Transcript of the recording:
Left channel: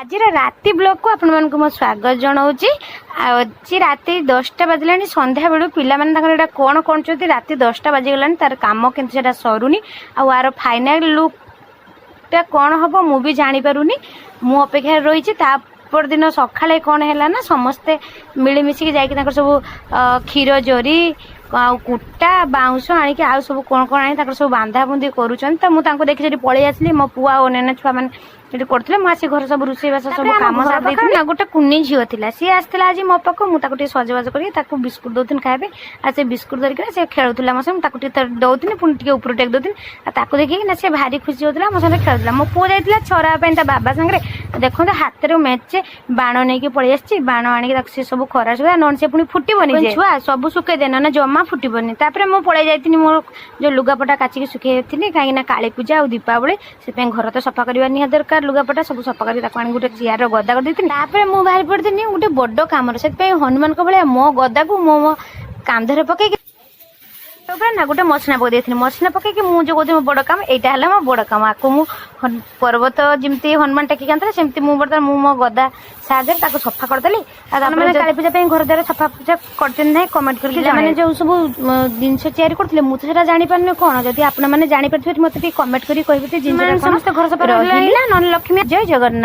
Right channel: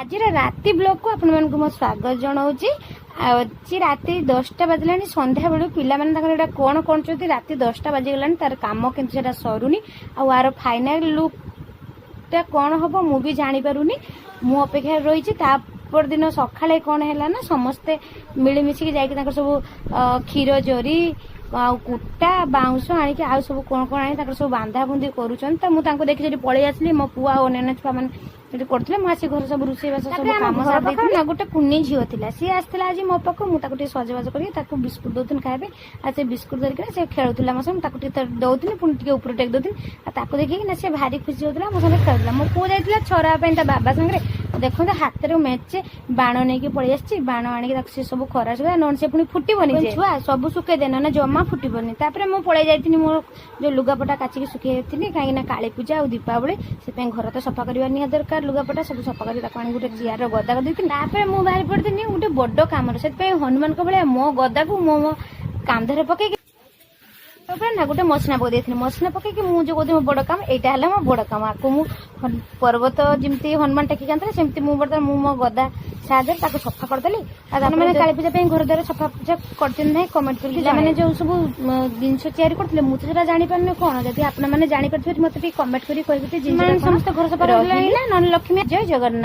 आज राति ब्लॉग को आपण मानक मो स्वागत जनाऊँगी। आज राति 10टा बाजिला संध्या बेलू पिला कौन कर राति 10टा बाजिगला तार कम कि सरुनी आर फाइनाल लुकटा कौन हम मुझे जानीपारूनी मु अपेक्षा रही तापर दिन सकाଳେ कौन है ना समस्ते मिलमिशिकी जाकि सब क्षीर जरी कुटा बाउंश आणिक आउ सब कौन कौन आनी सब बांधा बुंदी करुँच मुझे देखी पलि आसली मो पुआ और नेना छुआ मैंने करते मुझे घर सब रोषेईबास सब कम सारी गोटे कुनी झील थी सी आसला आज मो पाक मुझे सजबाज कर बिस्कुट दौन खाए आज से बिस्कुट धरिक से खेलुला मो साथ दौनी पुणी ऊपर टेक दौनी देखिए सी भारी खुशी होता मो साथ खेलुला मो पु जाइए छरापी बाबा सांगे देखते हाथ में मेचे बाण नहीं पलि आसी बाण आणिक सी सब खरा सुधा नन से पुणी फुटबनी छुआ सब सुखे दे ना जमा फुटबनी मुझे पलि जाइए मोर जो लुगापटा काचिकी सुखे थी कहीं काली पूजा और दीपावली से घर तो सफा करवा निहा दरकार लुगापटा सब सफा कर गोटे चेयर गदा कर देती बाहर पड़ी गोटे बड़ कम से हनुमान भाया मो गदा को मो कांधे पकई ना गोटे मसना पकई मसना पकई मुझे कहती मो बड़ काम यहाँ है मो बड़ काम आपको मु पर्वत जमी हनुमान टेकिक आनता सेमती मुझे मो गदा साहय सफा करदेली मैंने काली पूजा घर द्वारा सफा पूजा कर कमेंट करके जो सब जिनस तैयारी करते मुझे जापारे कौन जब आपने जापारे मत कमेंट कर समस्त घर सफा ना लक्ष्मी जय जगन्नाथ।